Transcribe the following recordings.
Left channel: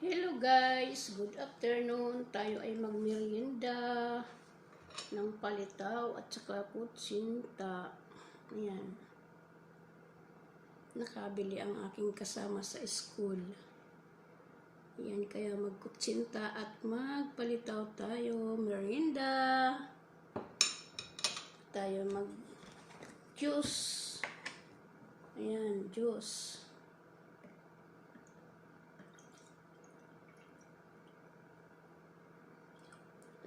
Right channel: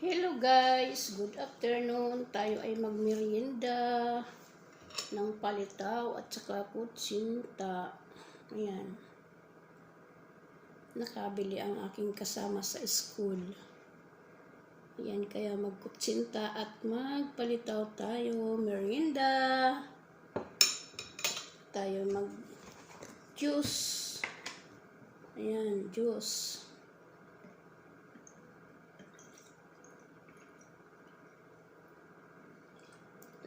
Hello guys, good afternoon. Tayo ay magmerienda ng palitaw at saka kutsinta. Ayan. Nakabili ang aking kasama sa school. Ayan, kaya magkutsinta at magpalitaw tayo. Merienda. Tayo mag-juice. Ayan, juice.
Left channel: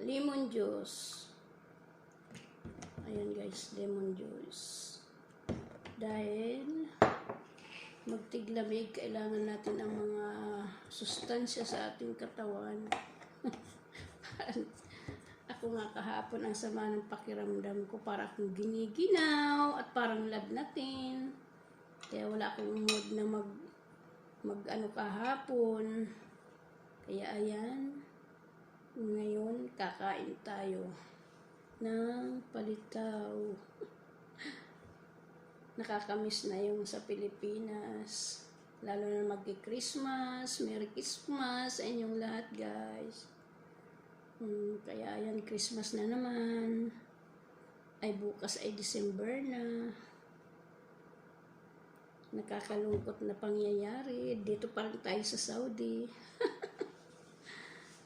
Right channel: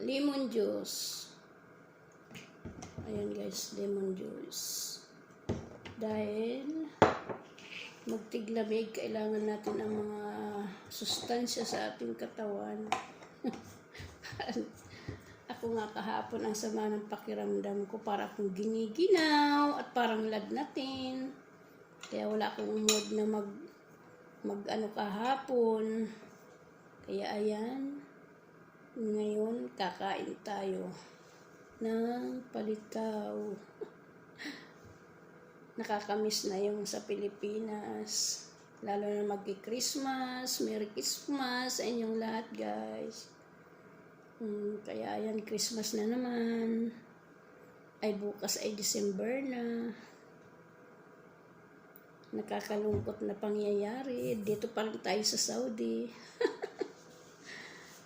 Lemon juice. Ayan guys, lemon juice. Dahil magtiglamig, kailangan natin ang mga sustansya sa ating katawan. Ako nga kahapon ang sama ng pakiramdam ko, para akong giniginaw at parang lagnatin. Kaya wala akong mood na mag kahapon. Kaya ayan. Ngayon, kakain tayo ng palitaw. Nakakamiss na yung sa Pilipinas. Lalo na magki-Christmas. Merry Christmas sa inyong lahat, guys. Kaya ayan, Christmas na naman. Ay bukas ay December na. Nakakalungkot na pangyayari. Dito pa rin tayo sa Saudi.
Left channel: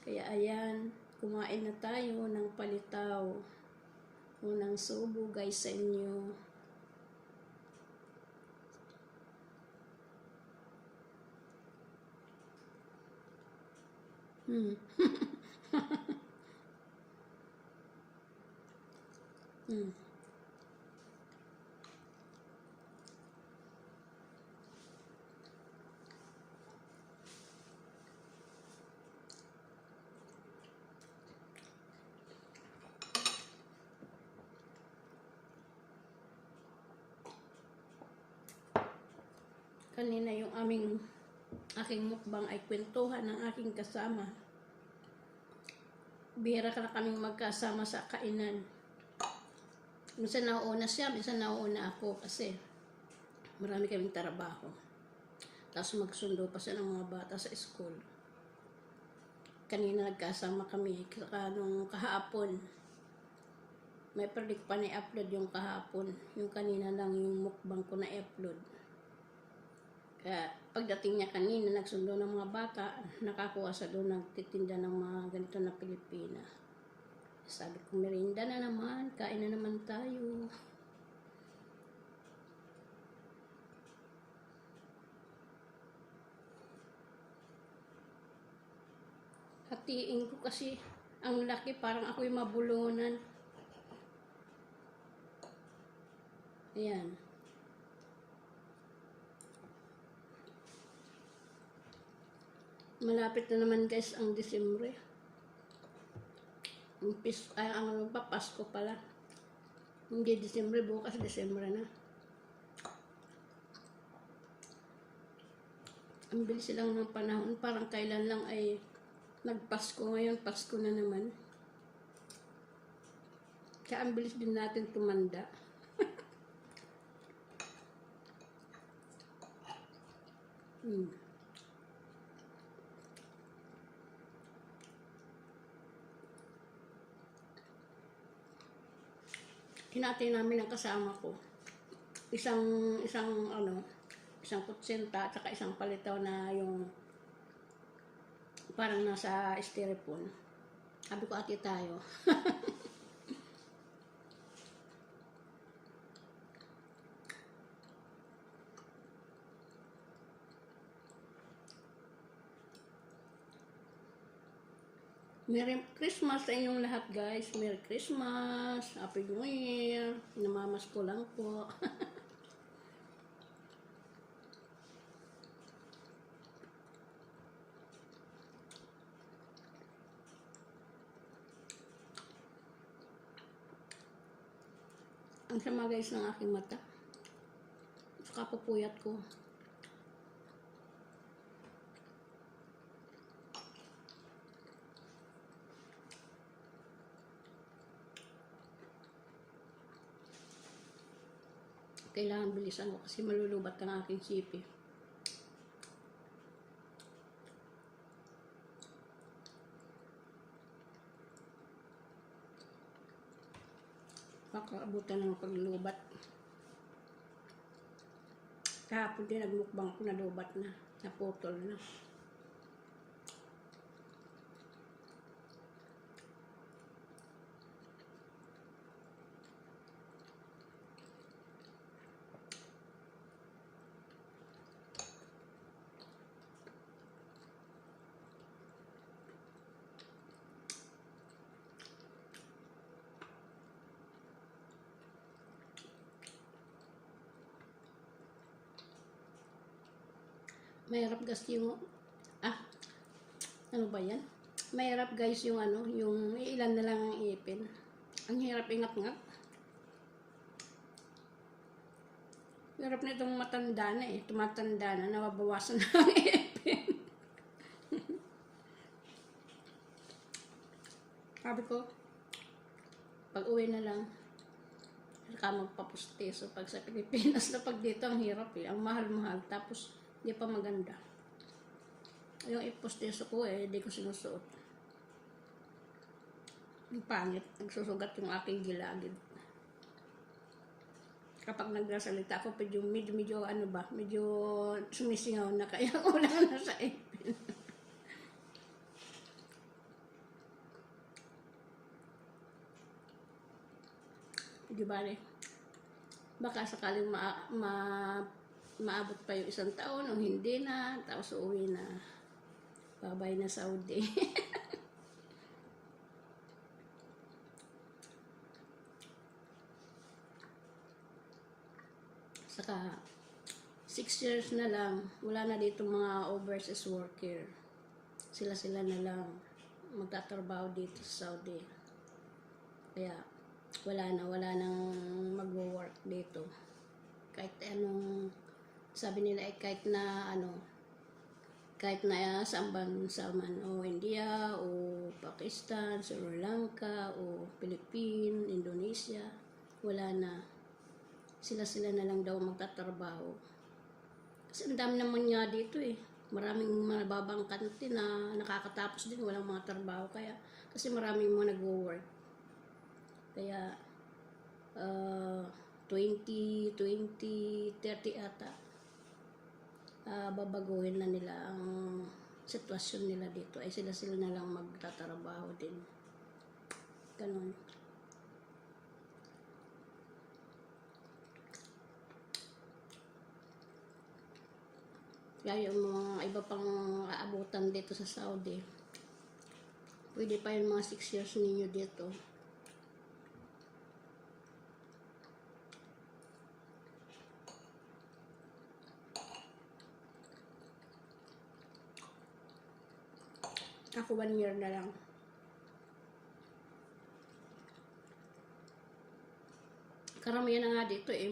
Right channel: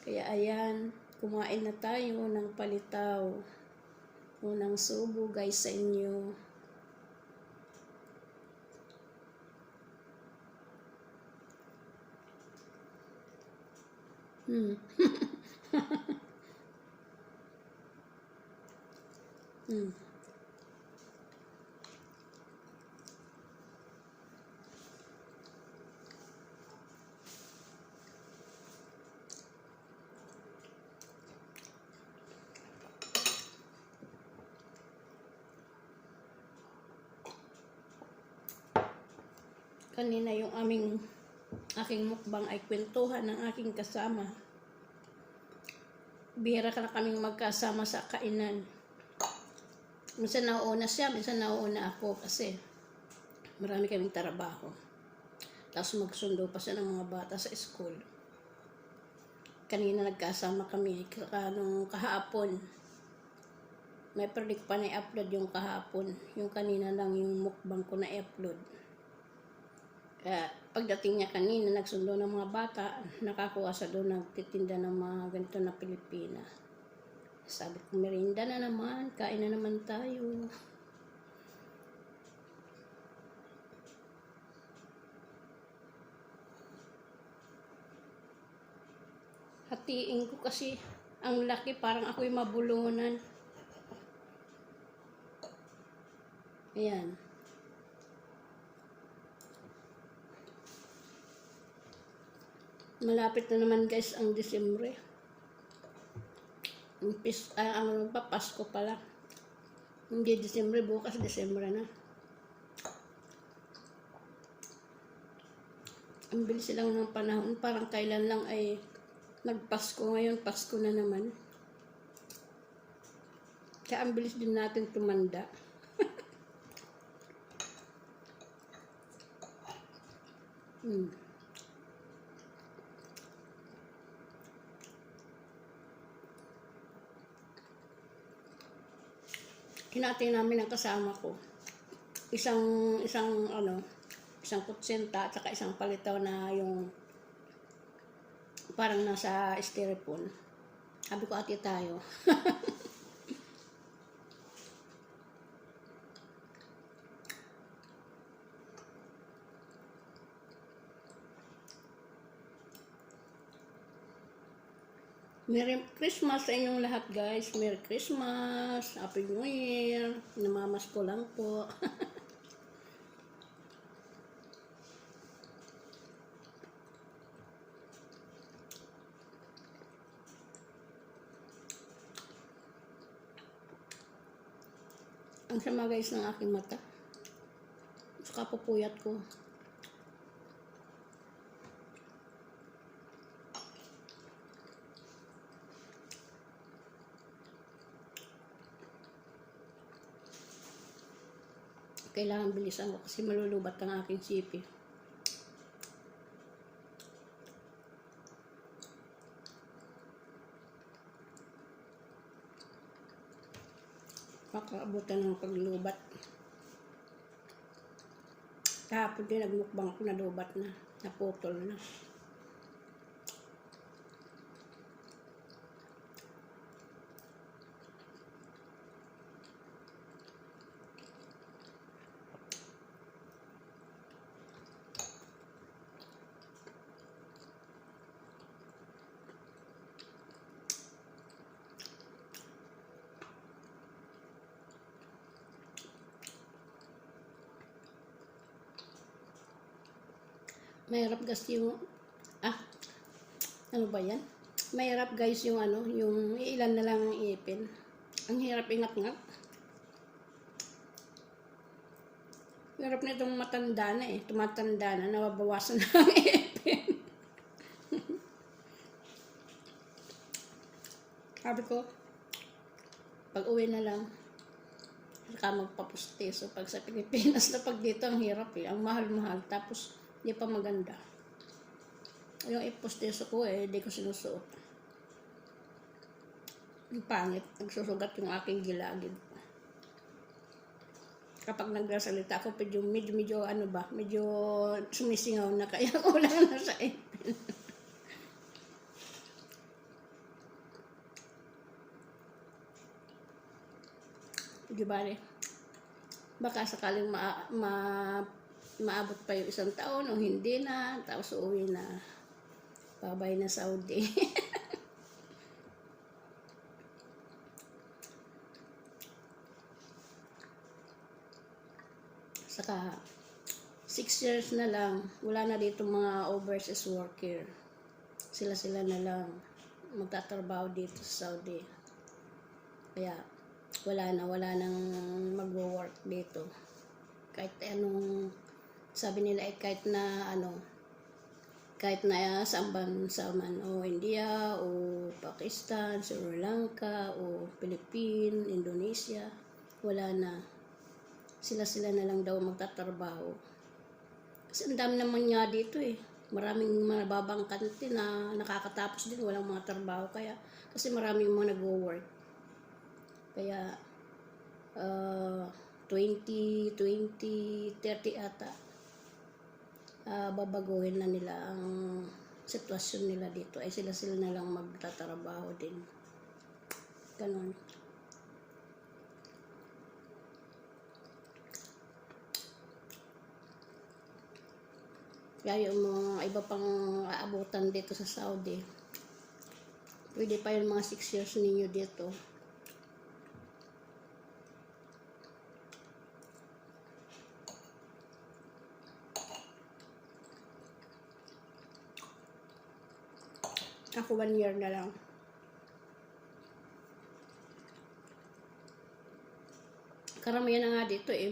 Kaya ayan, kumain na tayo ng palitaw. Unang subo guys sa inyo. Kanina yung aking mukbang ay kwentuhan ng aking kasama. Bihira ka na kaming magkasama sa kainan. Minsan nauuna siya, minsan nauuna ako kasi marami kaming trabaho. Tapos magsundo pa siya ng mga bata sa school. Kanina nagkasama kami nung kahapon. May predict pa na i-upload yung kahapon. Yung kanina lang yung mukbang ko na i-upload. Kaya pagdating niya kanina, nagsundo ng mga bata, nakakuha sa doon, nagtitinda ng mga ganito na Pilipina. Sabi ko, merienda na naman, kain na naman tayo. Hatiin ko kasi ang laki, parang ako'y mabulunan. Ayan. Malapit na naman guys ang Disyembre. Ang Pasko pala. Hindi Disyembre, bukas Disyembre na. Ang bilis lang ng panahon, parang kailan lang ay nagpasko, ngayon Pasko na naman. Kaya ang bilis din natin tumanda. Hinati namin ang kasama ko. Isang kutsinta at saka isang palitaw na yung parang nasa styrofoam. Sabi ko, ati tayo. Merry Christmas sa inyong lahat guys. Merry Christmas. Happy New Year. Namamas ko lang po. Ang sama guys ng aking mata. Saka pupuyat ko. Kailangan bilisan ko kasi malulubat ang aking sipi. makaabutan ng paglubat. Kahapon din nagmukbang ko, nalubat na, naputol na. Mahirap kasi yung, ano ba yan? Mahirap guys yung ano, yung ilan na lang ang ipin. Ang hirap ingat-ngat. Hirap nitong matanda na eh, tumatanda na, nababawasan na ang ipin. Sabi ko, pag uwi na lang, ka magpapuste. So pag sa Pilipinas na pag dito, ang hirap eh, ang mahal-mahal. Tapos, hindi pa maganda. Yung iposteso ko eh, hindi ko sinusuot. Yung pangit, nagsusugat yung aking gilagid. Kapag nagsasalita ako, medyo ano ba, medyo sumisingaw na, kaya wala na sa ipin. Di ba rin? Baka sakaling maabot pa yung 1 taon o hindi na, tapos uuwi na. Babay na Saudi. Saka 6 years na lang, wala na dito mga overseas worker. Sila na lang magtatrabaho dito sa Saudi. Kaya wala nang mag-work dito. Kahit anong sabi nila ay kahit na saan bansa man, o India, o Pakistan, Sri Lanka, o Philippines, Indonesia, wala na. Sila na lang daw magtatrabaho. Kasi ang dami naman nga dito eh. Maraming mababang kante na nakakatapos din, walang mga trabaho. Kaya, kasi maraming mga nag-work. Kaya, 20, 30 ata, babaguhin na nila ang sitwasyon nila dito. Ay sila na lang magtatrabaho din. Ganon. Kaya yung mga iba pang aabutan dito sa Saudi, pwede pa yung mga 6 years ninyo dito. Ako 1 year na lang. Karamihan na nga dito eh,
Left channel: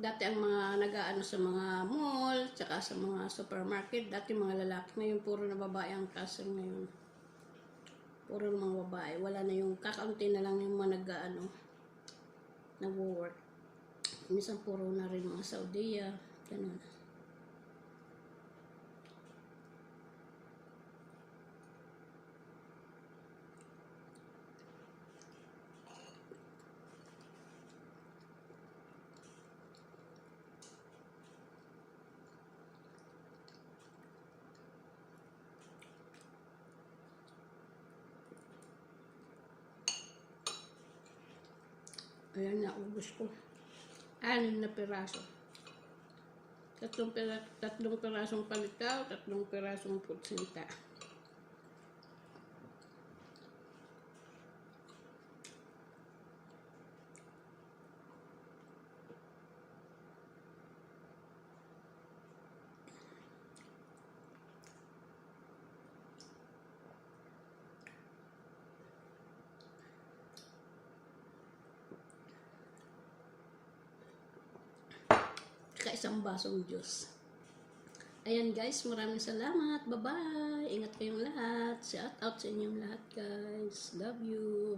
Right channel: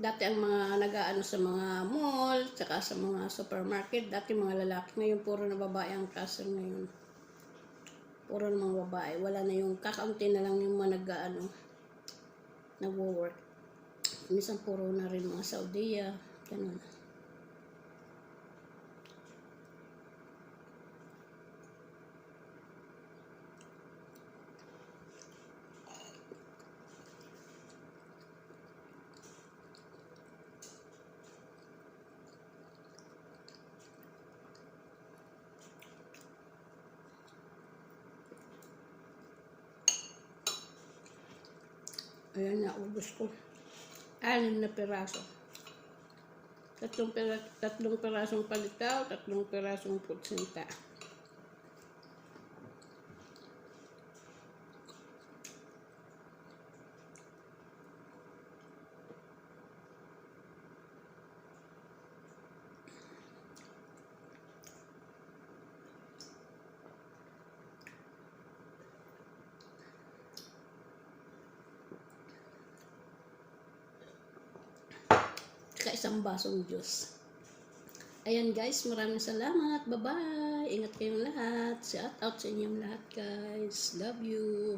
dati ang mga nag-aano sa mga mall, tsaka sa mga supermarket, dati mga lalaki, ngayon puro na babae ang klase ngayon. Puro na mga babae, wala na yung kakaunti na lang yung mga nag-aano, nag-work. Minsan puro na rin mga Saudiya, ganun. Ayan, naubos ko. 6 na piraso. 3 pirasong palitaw, 3 pirasong putsinta. Isang basong juice. Ayan guys, maraming salamat. Bye-bye. Ingat kayong lahat. Shout out sa inyong lahat guys. Love you.